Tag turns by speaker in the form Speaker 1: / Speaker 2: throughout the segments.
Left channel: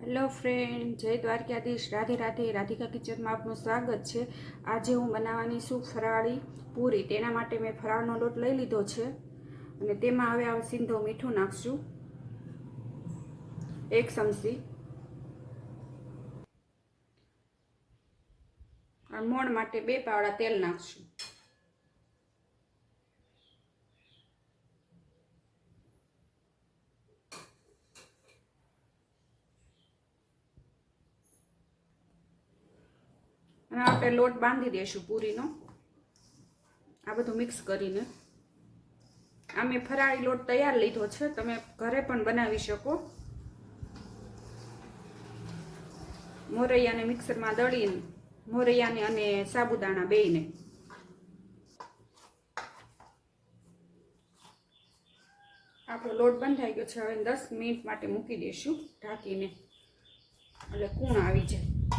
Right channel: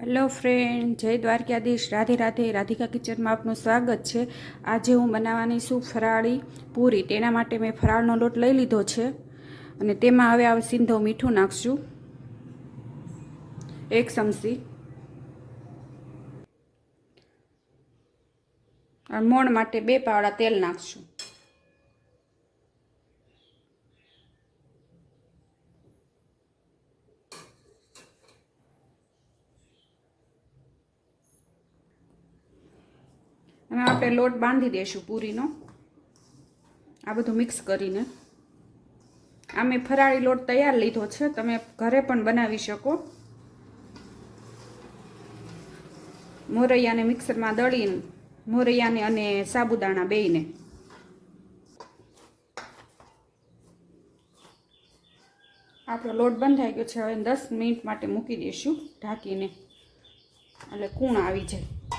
Speaker 1: Hello friend, જય દ્વારકાધીશ. રાધે રાધે, રાધિકા કિચનમાં આપનું સ્વાગત છે. આજે હું બનાવવાની છું ફરાળી પૂરી. તેના માટે મેં ફરાળનો લોટ લઈ લીધો છે અને તેમાં હવે આ સિંધો મીઠું નાખશું. એક ચમચી. મોણ માટે બે પાવડા તેલ નાખશું. અને આપણે લોટ બાંધી દઈશું પૂરીનો. આ બધું મિક્સ કરીને. આ મેં ફરાળી લોટ તૈયાર લીધો છે. તમે ઘરે પણ બનાવી શકો. મોરૈયાને મિક્સરમાં દળીને, મોરૈયાને અને સાબુદાણા બેયને. આપણો લોટ બંધાઈ ગયો છે. હવે દસ મિનિટ માટે મૂકી દઈશું ઢાંકીને. એટલે કૂણ આવી જાય.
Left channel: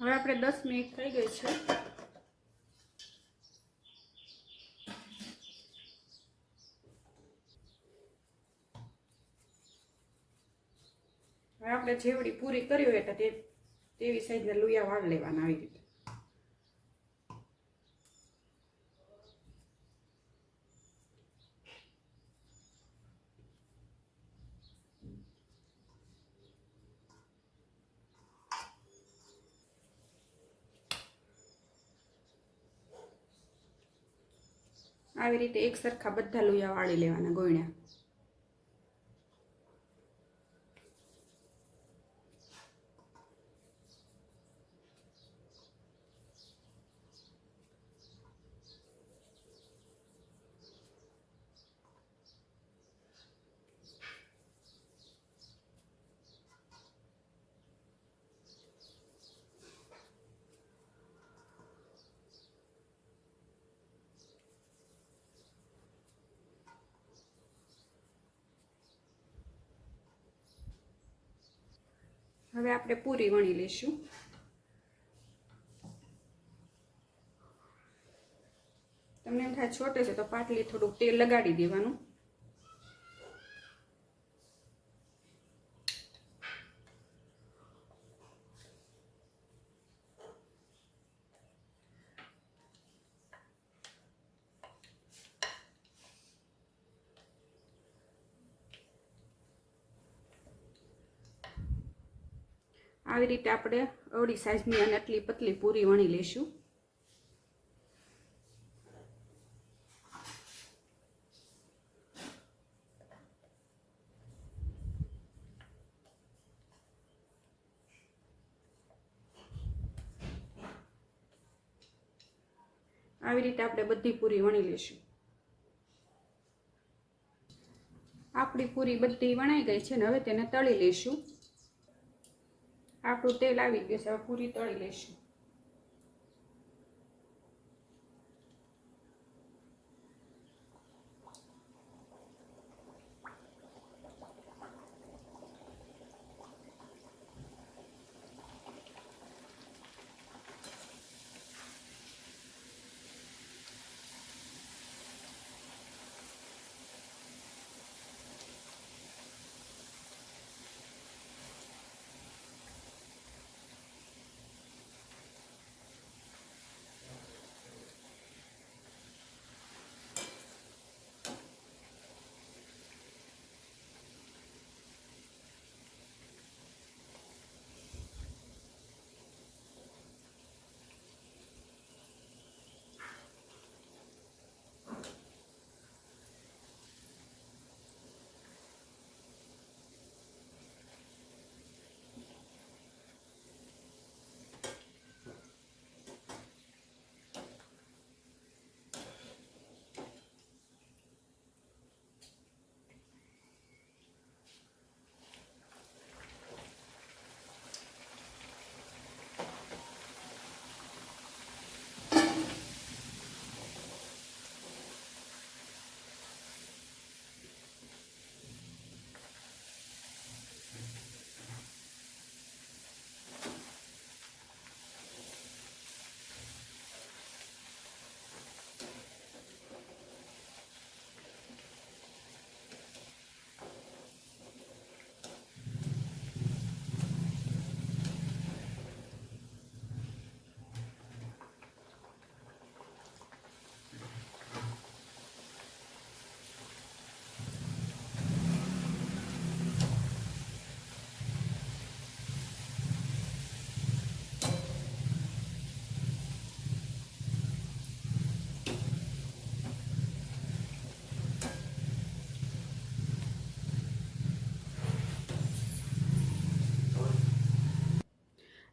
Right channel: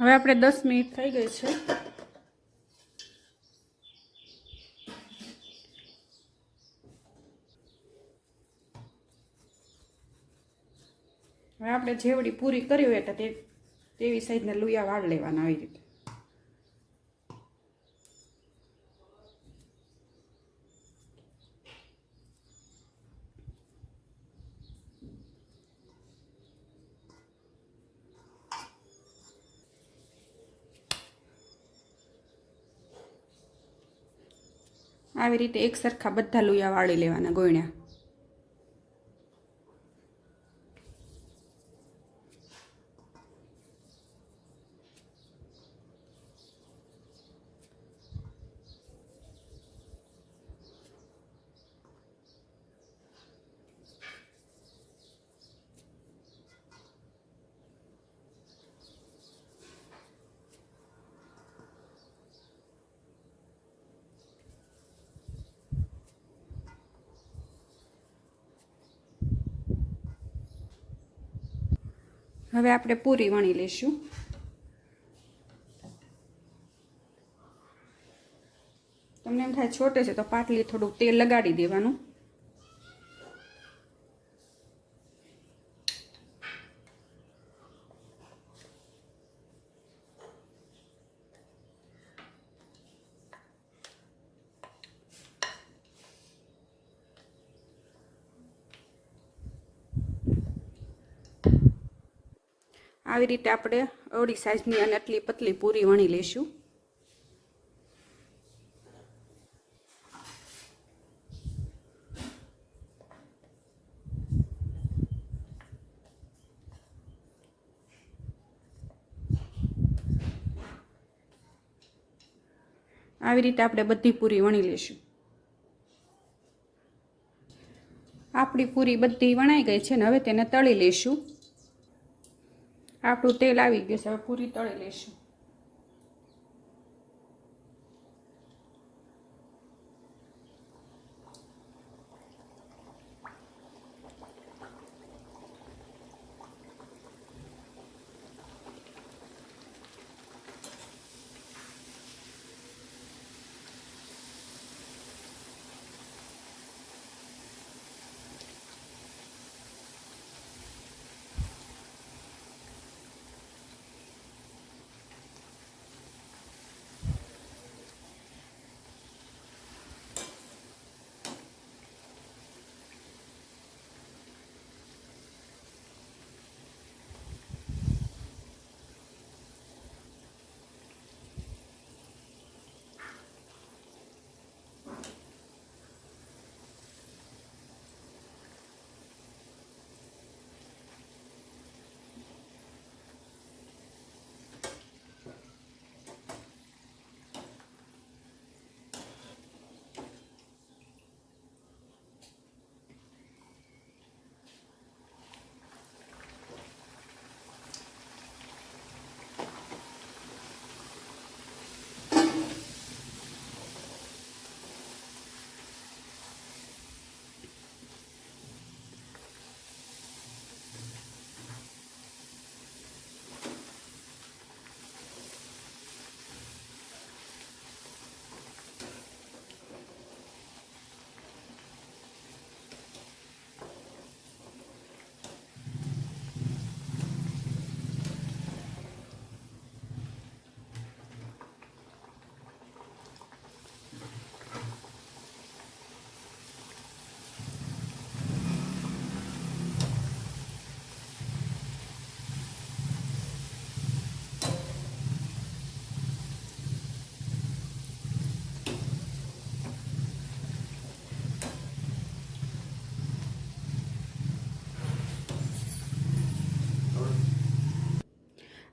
Speaker 1: હવે આપણે દસ મિનિટ થઈ ગઈ છે. હવે આપણે જેવડી પૂરી કરી હોય તો તેવી સાઈઝના લુયા વાળ લેવાના આવી રીતે. આવી રીતે એક સરખા બધા લોયા વાળી લેવાના ગોયણા. હવે આપણે પૂરી વણી લઈશું. તમને એમ થાય છોટે છે તો પાટલી થોડુંક તેલ લગાડી દેવાનું. આવી રીતે આપણે અવળી સાઈઝની અને આટલી પતલી પૂરી વણી લઈશું. આવી રીતે આપણે બધી પૂરી વણી લઈશું. આપણી પૂરી બધી વણાઈ ગઈ છે ને હવે તેને તળી લઈશું. આપણું તેલ આવી ગયું છે હવે પૂરી તળી લઈશું.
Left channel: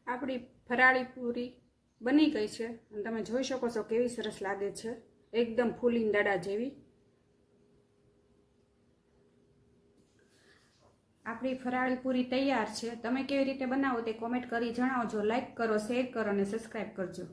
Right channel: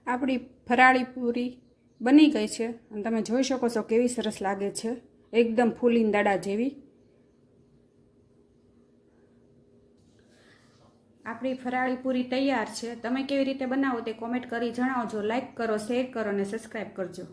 Speaker 1: આપણી ફરાળી પૂરી બની ગઈ છે. અને તમે જોઈ શકો છો કેવી સરસ લાગે છે. એકદમ ફૂલીન દાડા જેવી. આપણી ફરાળી પૂરી તૈયાર છે. તમે કેવી રીતે બનાવો તે કોમેન્ટ કરી જણાવજો. લાઈક કરો શેર કરો અને સબસ્ક્રાઈબ કરજો.